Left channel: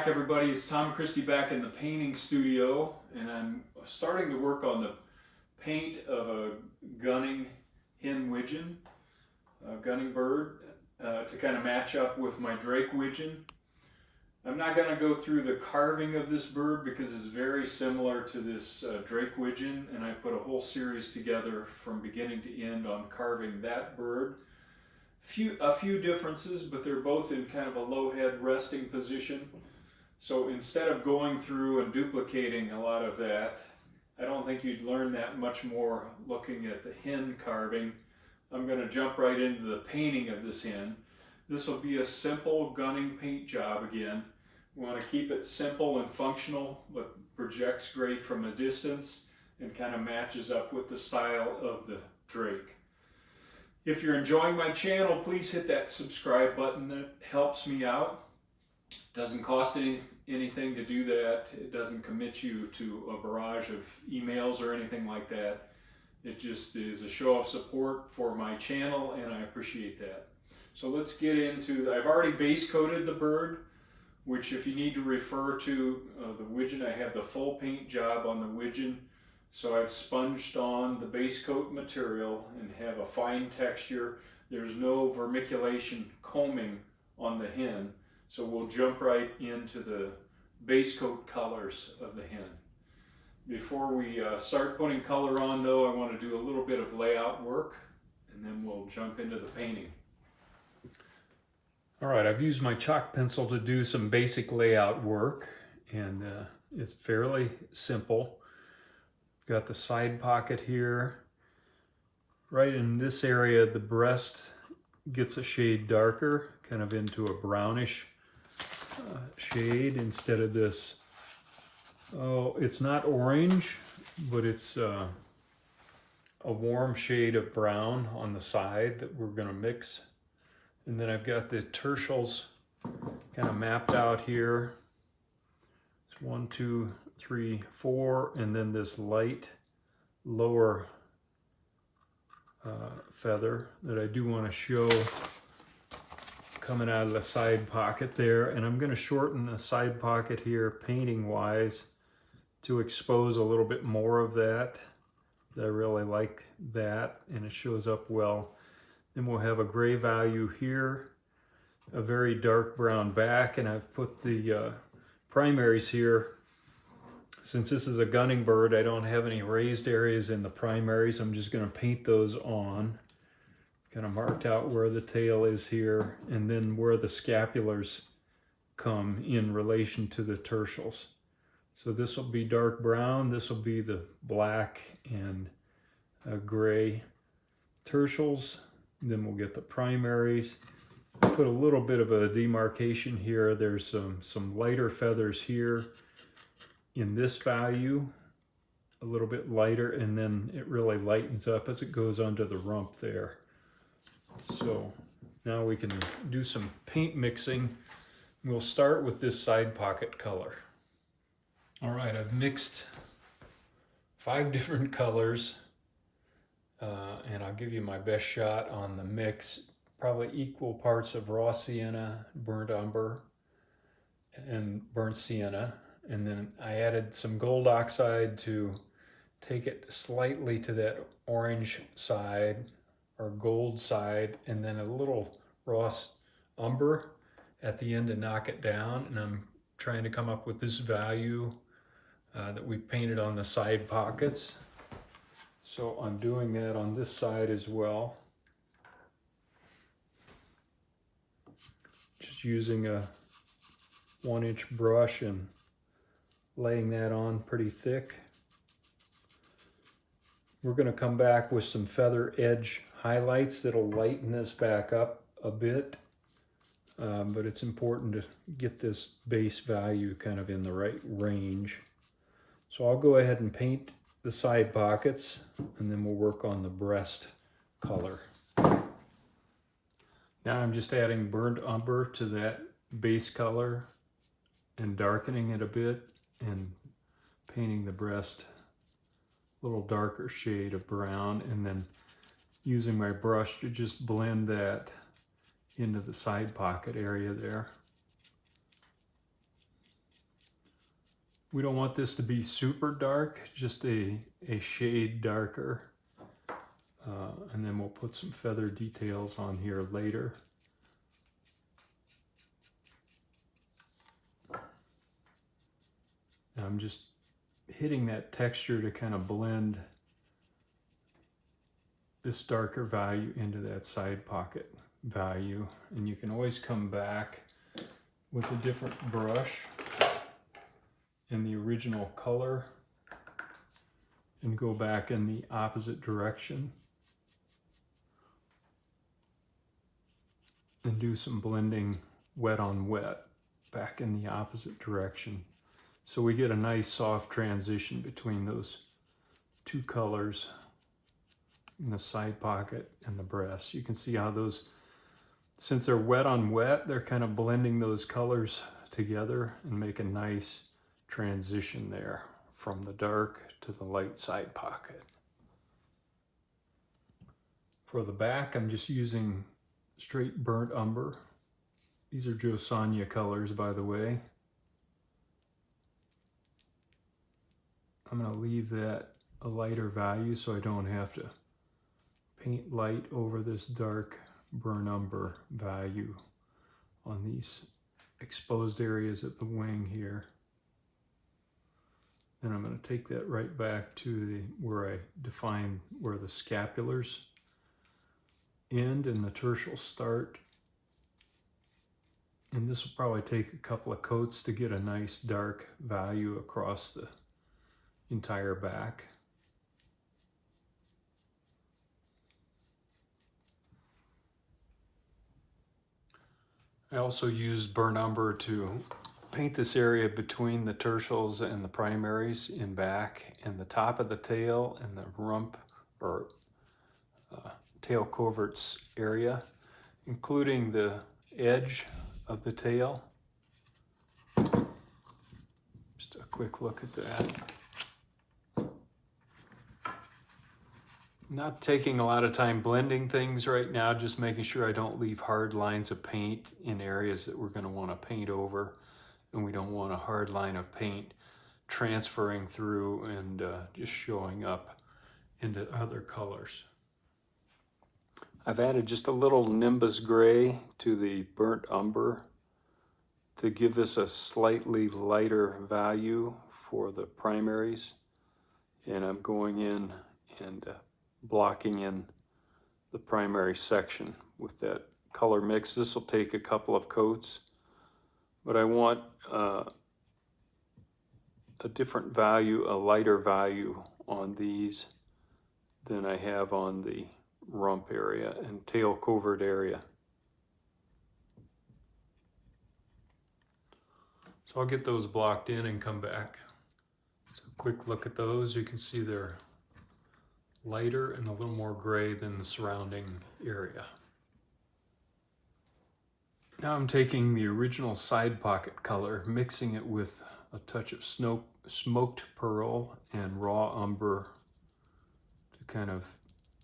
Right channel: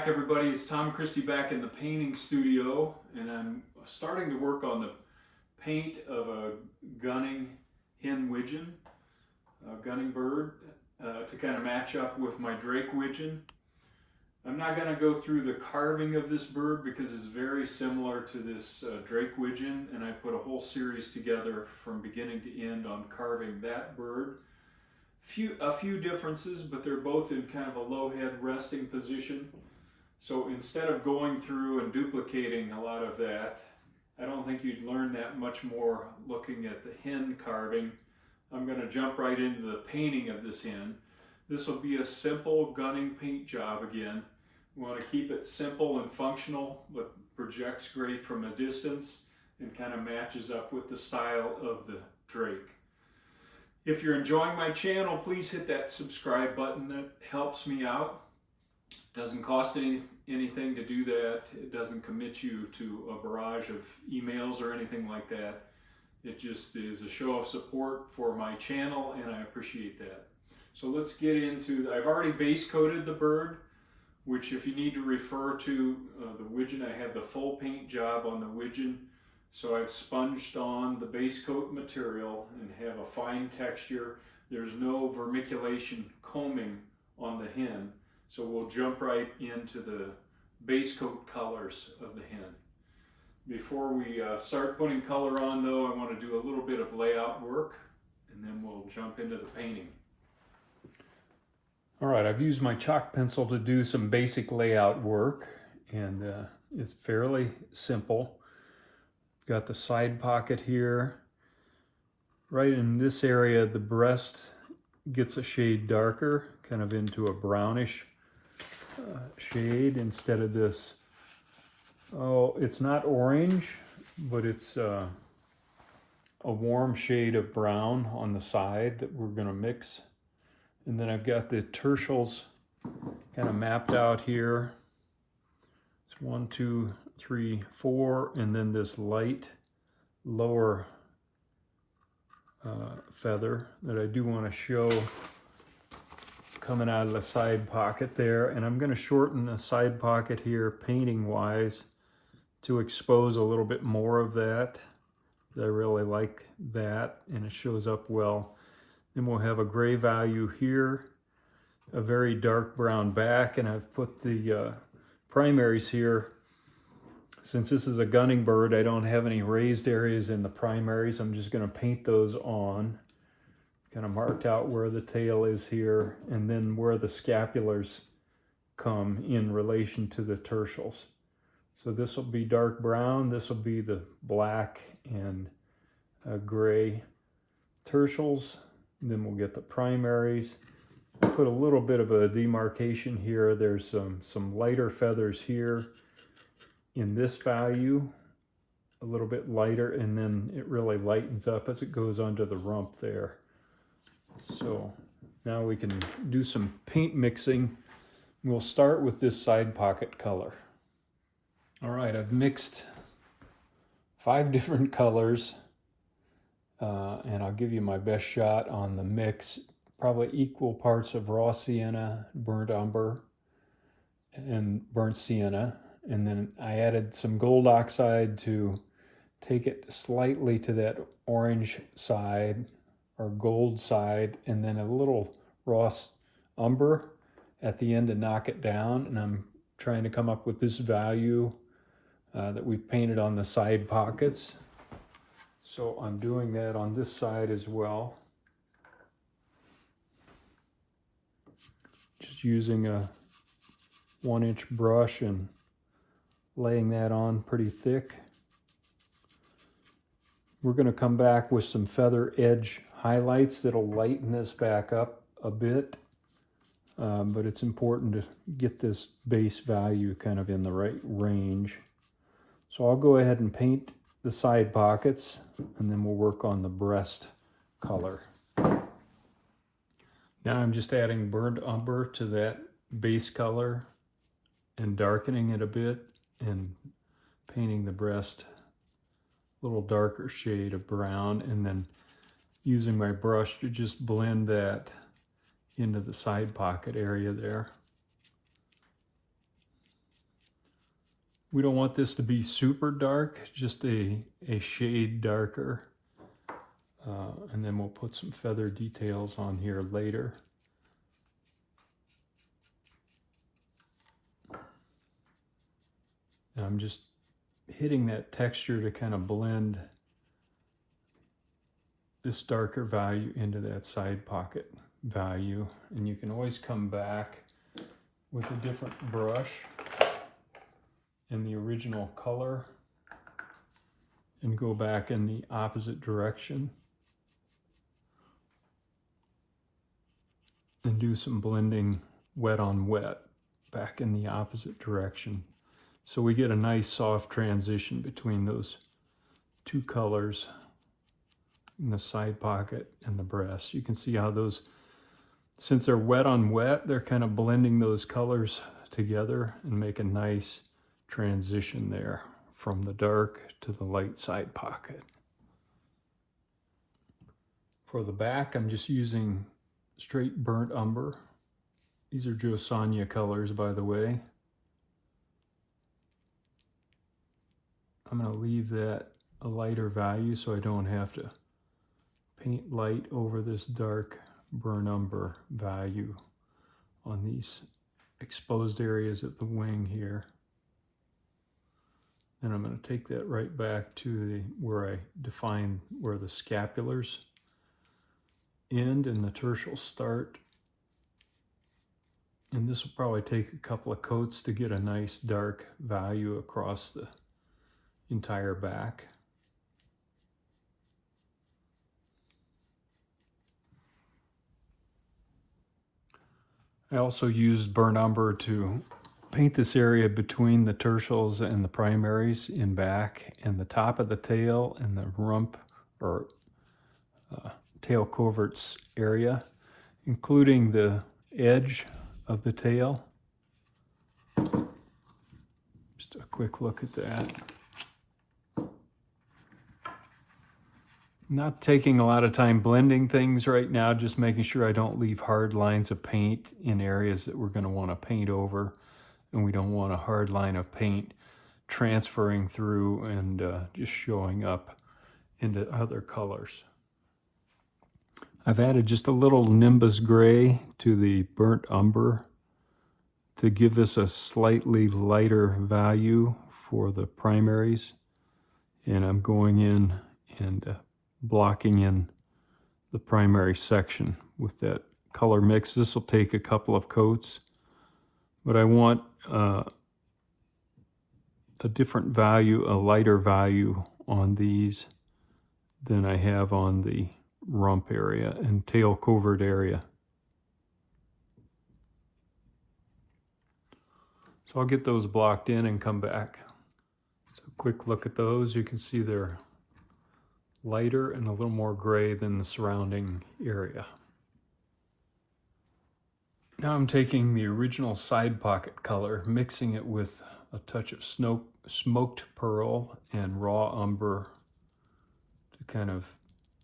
back, everybody. It's Tom Christie back in the painting studio, and I'm starting to work on the paint of a gunning hen widgeon, a gunning bird, to kind of match up with my drake widgeon. I'm not going to go through the carving of this bird because it's very similar to this drake widgeon, and I put a whole series together from beginning to end on carving that bird. A few differences, but they're both in kind of a low head resting position. So instead of going through and duplicating a lot of that, I don't think you'd learn that much more looking at the hen carving. I'm going to jump right into the painting of this hen. This will be a simple gunning paint job again. We want to keep it simple and functional, but projects great from a distance and kind of matches up with the style of the drake. If you're enjoying my channel, please hit that subscribe button. That helps me out. Doesn't cost anything to do that. It doesn't commit you to a barrage of emails or anything like that. It just is a show of support for my channel, and I appreciate that. So let's get into, I've already base coated the bird, which if you need to refer to the widgeon, I have the full paint job on the widgeon. So I've sponged on the base coat material and have a fine texture. There's no vermiculation combing on the hen. So we'll jump right into the base coat colors of the hen. Before we start putting color on though, I want to do a little bit of layout work and then we'll jump into the painting. All right, I've used my chalk pencil to do some basic layout work, and it's fairly simple. Got the side pocket here. Right in this area, the breast gets a shade darker, kind of into a brownish shade instead of this. Oh, it's not orange, but it's a warm shade of brown on the side that we're going to mix. And then I've got the tertials kind of mapped out here. It's 1, 2, 3, 4, and then this light lower feather that I do want to show coming out of the side pocket there. And I'm going to shorten the side pocket here painting wise to expose a little bit more of that. I really like that, and it shows up well. Then we'll have a gray value here, a very dark brown back, and I've put the primaries here. Since this is a gunning bird, I don't have any raised areas in the primaries. I'm just going to paint those on. Kind of marked out where the tail is here, and then where the scapulars come in relation to the tertials. So this will be dark brown, this will be the black and gray tertials. Then we'll get the primaries. Put a little bit of a demarcation here. There's some lighter feathers here in this value, a little bit lighter, and then it really lightens up as it goes under the rump there. So now we can do some paint mixing. We'll start with this side pocket color. All right, I've mixed 5 different colors. And I'll give you my best shot on the mix. Probably equal parts of raw sienna, burnt umber, and burnt sienna. And then I added some gold oxide to take it slightly to that orange side or gold side, and then a little raw umber at the end to knock it down. And I'm trying to come up with this value that we've painted on the side pockets. So I'm doing that on this side as well. Just using a 1-inch brush and laying that on pretty thick. We're going to come back with some feather edge highlights that'll lighten this back up a bit. But it's important to get this base value kind of in the right range. So I'll go ahead and paint the side pockets, and then we'll work on the breast color. Now I'm just adding burnt umber to that base color and darkening it a bit and painting the breast a little darker shade of brown, and then using my brush to just blend that into the side pocket area there. We don't want this to be super dark, just a shade darker. And then we'll put some feather details on here later. And I'm just hitting that texture to kind of blend this darker value into that side pocket value. And you can always come back with a different brush in the original color and go back in the opposite direction and do some blending wet on wet back in the opposite direction. So we get a nice soft transition between those two colors in the side pocket and the breast. You can see how those, since they're wet on wet, they're kind of blending those colors together and make a nice transition there from the dark to the light side pocket. For the back, I'm just using straight burnt umber. These are Sonja colors, by the way. I'm going to leave that a lighter value so I don't have to paint light over this dark burnt umber value on these exposed areas of the wing here. Then I'm going to take that right back to where I define where the scapulars end and the tertials start. And this will probably take a couple of coats to get a nice dark value across the entire back. I also used burnt umber to paint this area between the tertials and the primaries in back, and the top of the tail and the rump or tail coverts area, including the edge of the tail. Just a quick look at that. Not taking a lot of time blending things right now, just making sure I don't leave hard lines of paint in areas that we're going to want to paint over, and we don't want a hard line of paint transferring through and just showing up into other colors. I've added just a little Nimbus Grey to the burnt umber to give this a slightly lighter value for the primaries, and I'm going in and blocking in the primary section with that color mix. This will take a couple of coats, but I want a different value, a lighter value on these than I have on the rump area and tail covert area. So I'll get those blocked in and come back. So a quick look at those. You can see they're lighter and a little more gray than the surrounding area. Now I'm taking the original side pocket color, mixing it with a touch of smoked pearl and raw umber to kind of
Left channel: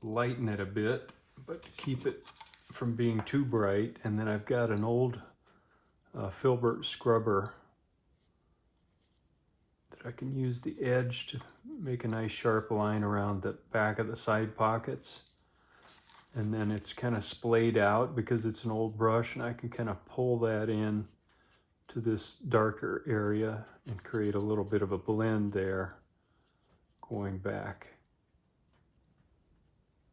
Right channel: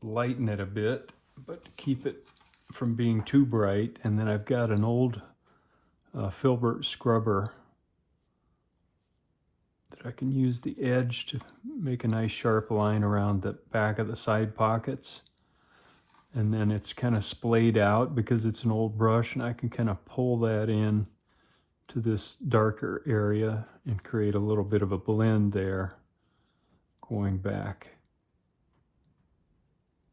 lighten it a bit, but to keep it from being too bright. And then I've got an old filbert scrubber that I can use the edge to make a nice sharp line around the back of the side pockets. And then it's kind of splayed out because it's an old brush, and I can kind of pull that in to this darker area and create a little bit of a blend there going back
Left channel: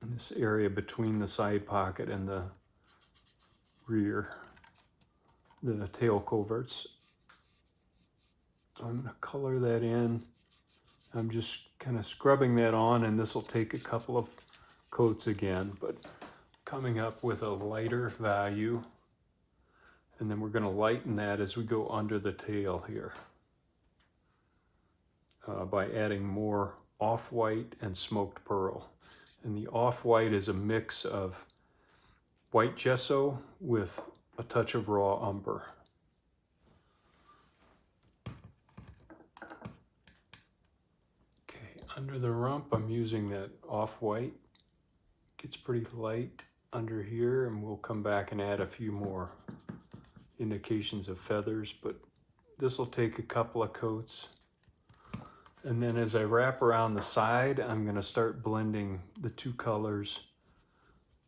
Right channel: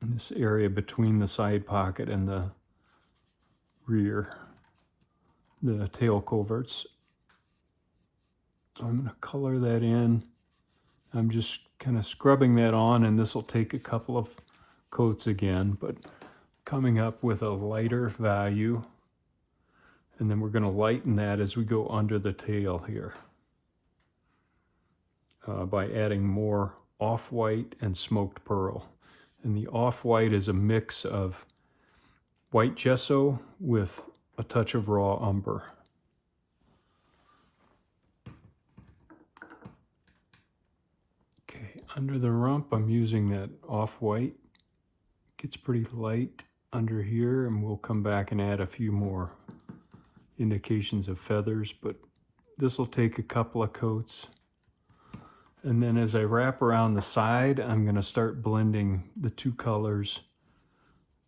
in this area between the side pocket and the rear, the tail coverts. So I'm going to color that in. I'm just kind of scrubbing that on, and this will take a couple of coats again, but coming up with a lighter value, and then we're going to lighten that as we go under the tail here by adding more off-white and smoked pearl. And the off-white is a mix of white gesso with a touch of raw umber. Okay, under the rump I'm using that off-white. Gets pretty light under here, and we'll come back and add a few more indications of feathers, but this will take a couple of coats And then as I wrap around the side, I'm going to start blending the two colors,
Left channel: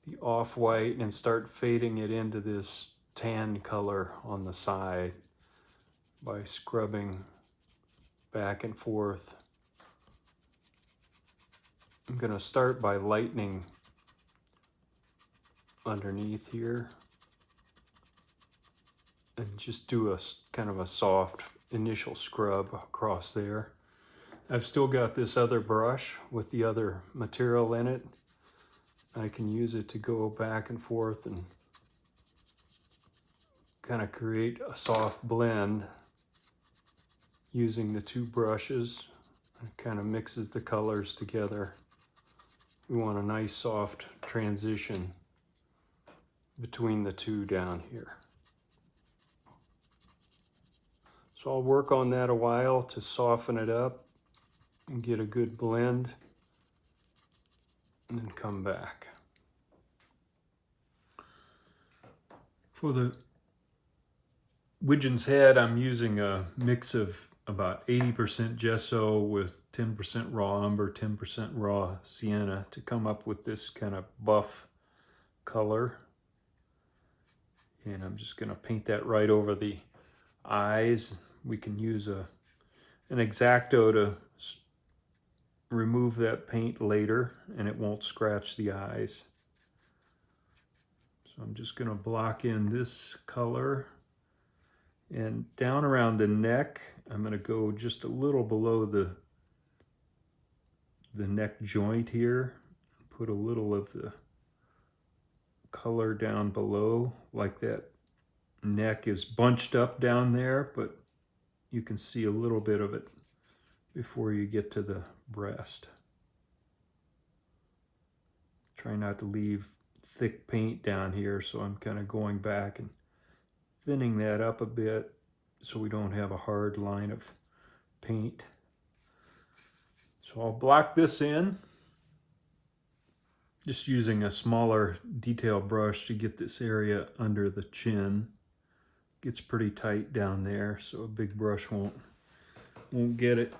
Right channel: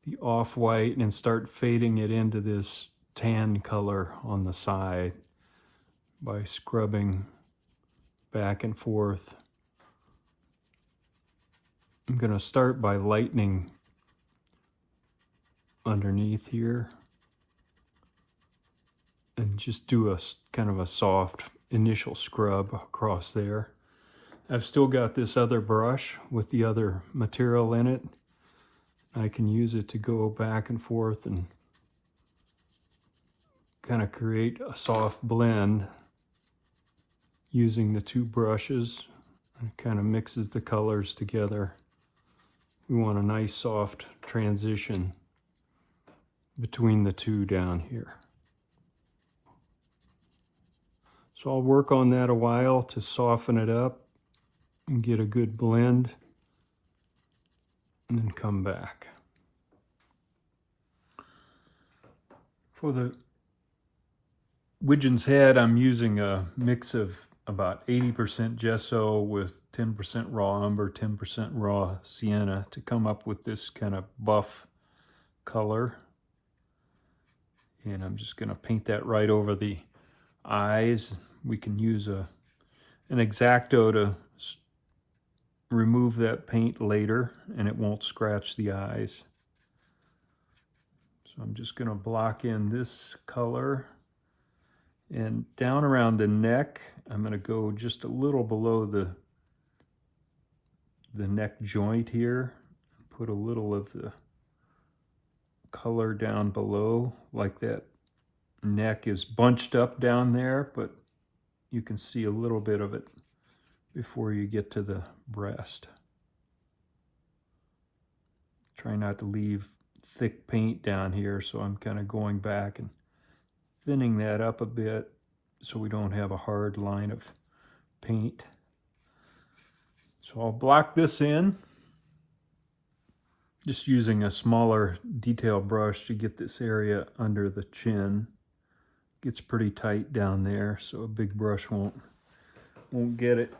the off-white, and start fading it into this tan color on the side by scrubbing back and forth. I'm going to start by lightening underneath here and just do a kind of a soft initial scrub across there. I've still got this other brush with the other material in it. I can use it to go back and forth and kind of create a soft blend using the two brushes. It kind of mixes the colors together. We want a nice soft transition between the two down here. So I'll work on that a while to soften it up and get a good blend, and then come back. For the Wigeon's head, I'm using a mix of about 80% gesso with 10% raw umber, 10% raw sienna to come up with this kind of buff color. And I'm just going to paint that right over the eyes. We can use an X-Acto to remove that paint later, and it won't scratch the eyes. So I'm just going to block in this color, and down around the neck I'm going to go just a little below the neck joint here, put a little of the color down below, like that neck is bunched up down there, but you can see a little bit of it before you get to the breast. Try not to leave thick paint down here, so I'm kind of going back and thinning that up a bit so we don't have a hard line of paint. So I'll block this in, just using a smaller detail brush to get this area under the chin. Gets pretty tight down there, so a big brush won't get it.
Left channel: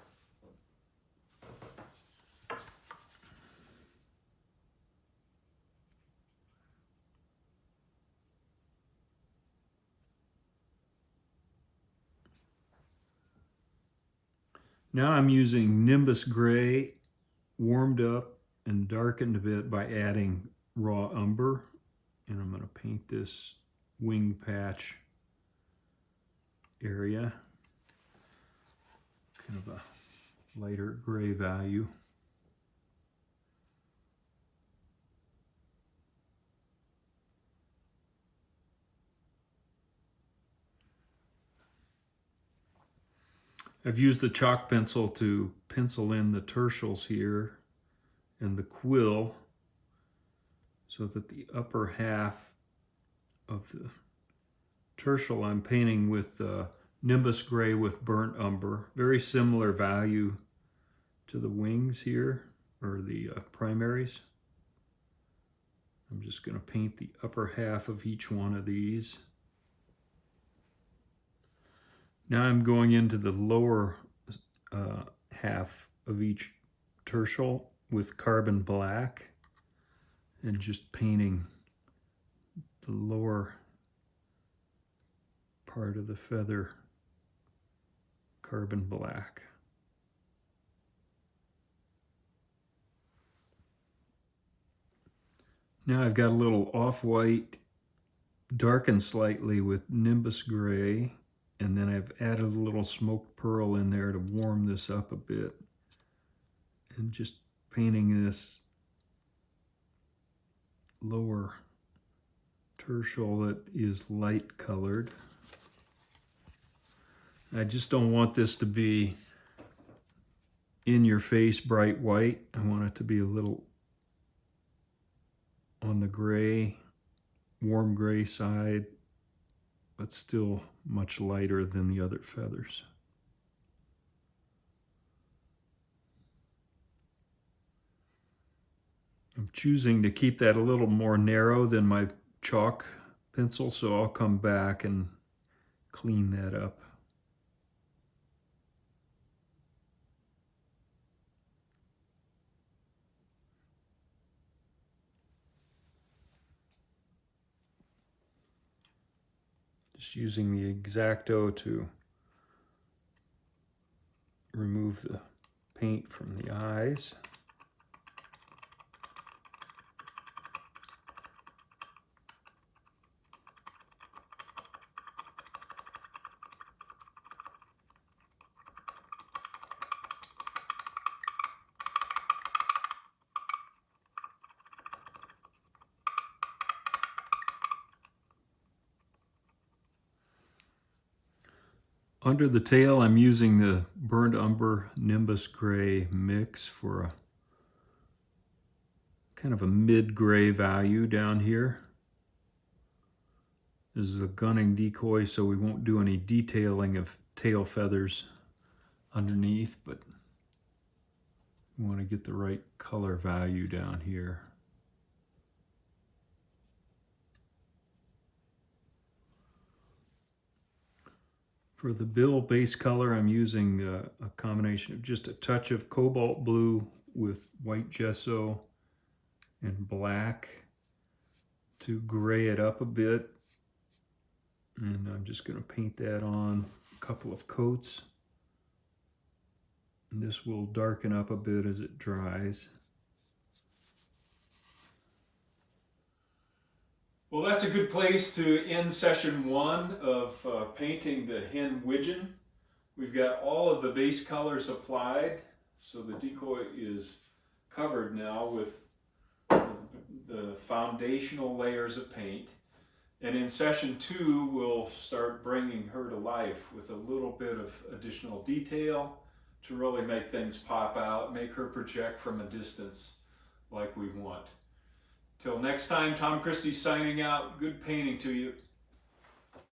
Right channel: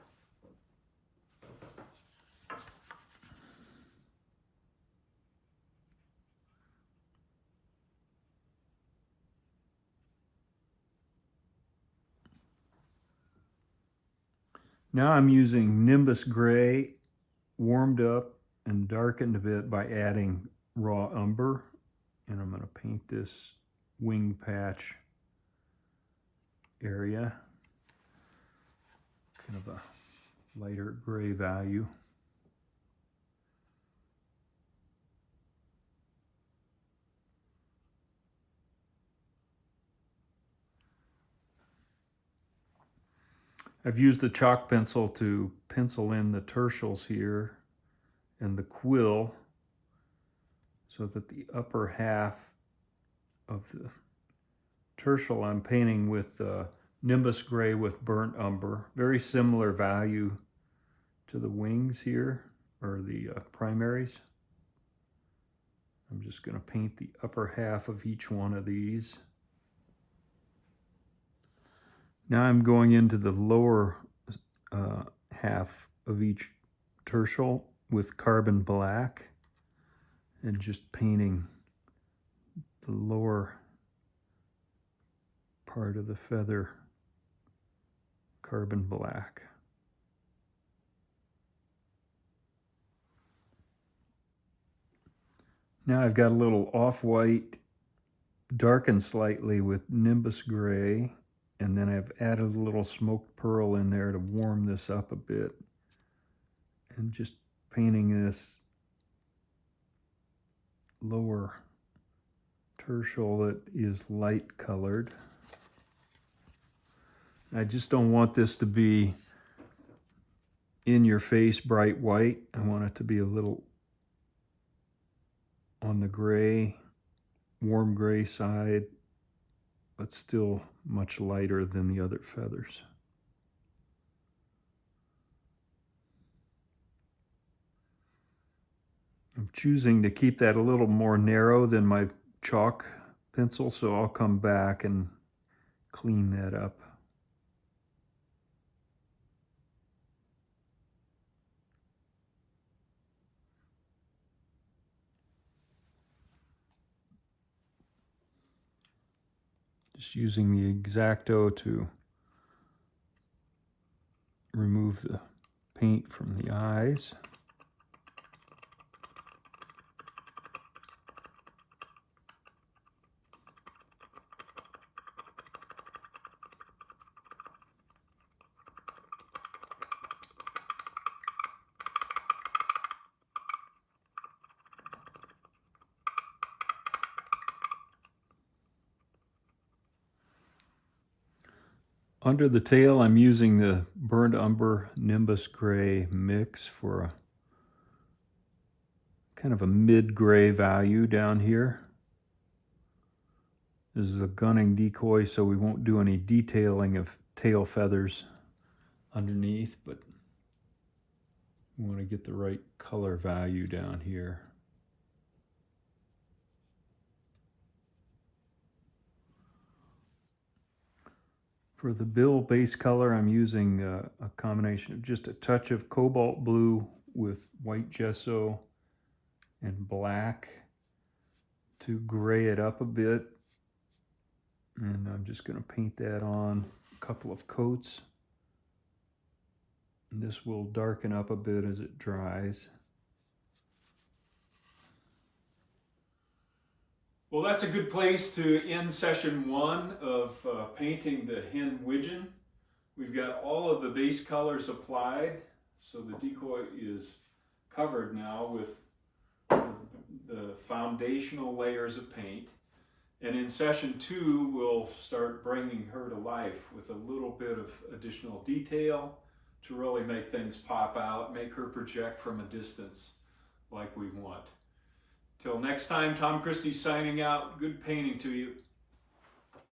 Now I'm using Nimbus Grey, warmed up and darkened a bit by adding raw umber, and I'm going to paint this wing patch area, kind of a lighter gray value. I've used the chalk pencil to pencil in the tertials here and the quill so that the upper half of the tertial I'm painting with Nimbus Grey with burnt umber. Very similar value to the wings here, or the primaries. I'm just going to paint the upper half of each one of these. Now I'm going into the lower half of each tertial with carbon black and just painting the lower part of the feather carbon black. Now I've got a little off-white darkened slightly with Nimbus Grey, and then I've added a little smoked pearl in there to warm this up a bit, and just painting this lower tertial that is light colored. I just don't want this to be in your face bright white. I want it to be a little on the gray, warm gray side, but still much lighter than the other feathers. I'm choosing to keep that a little more narrow than my chalk pencil, so I'll come back and clean that up. Just using the X-Acto to remove the paint from the eyes. Under the tail, I'm using the Burnt Umber Nimbus Grey mix for a kind of a mid-gray value down here. This is a gunning decoy, so we won't do any detailing of tail feathers underneath, but we want to get the right color value down here. For the bill base color, I'm using a combination of just a touch of Cobalt Blue with white gesso and black to gray it up a bit. And I'm just going to paint that on a couple of coats. And this will darken up a bit as it dries. Well, that's a good place to end session 1 of painting the hen widgeon. We've got all of the base colors applied, so the decoy is covered now with the foundational layers of paint. And in session 2, we'll start bringing her to life with a little bit of additional detail to really make things pop out, make her project from a distance like we want. Till next time, Tom Christie signing out. Good painting to you.